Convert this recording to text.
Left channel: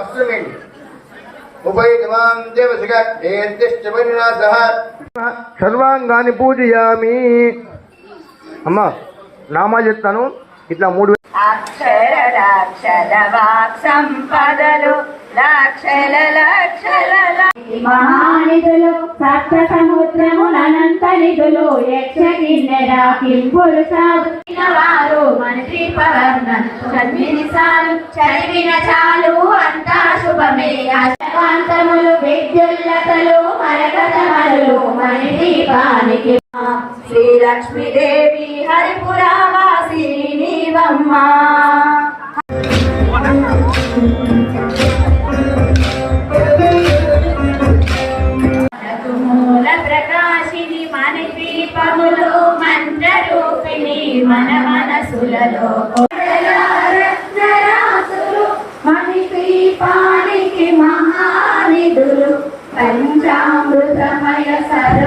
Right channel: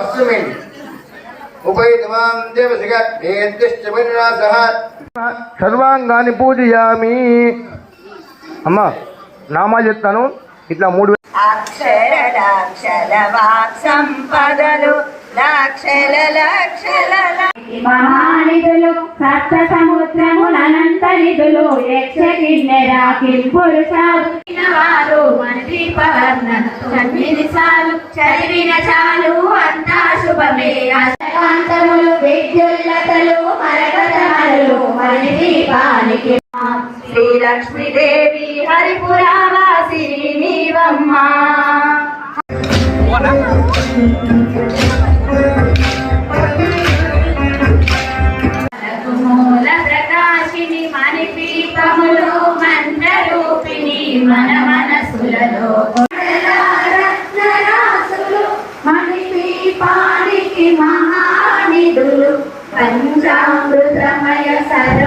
అశ్వమేణి ఉపైతమాం దేవసిక వేద్యశ్చ పరిణాసః సర్వాంగాన్ని పూజయామి అమ్మా నామాలు చెప్తాను. ఇట్లా మూడు అక్షర లక్షల వాక్ సంపదలు లక్షల లక్షల మహానిధులు సప్త సముద్రములనంత వారు మనకి పవర్ణన తొమ్మిది సార్లు. చదివిన చాలు అంతా శుభమే. అశాంతములు విద్యుల్లతలు మరగతమలు మన దీపానికి శ్రీలక్ష్మీదేవి హరిపురావాసిని నీవమ్మ. శక్తిని మని దీపములు మంత్రరూపిణి మన మనసులలో. పంచామృతమయ సర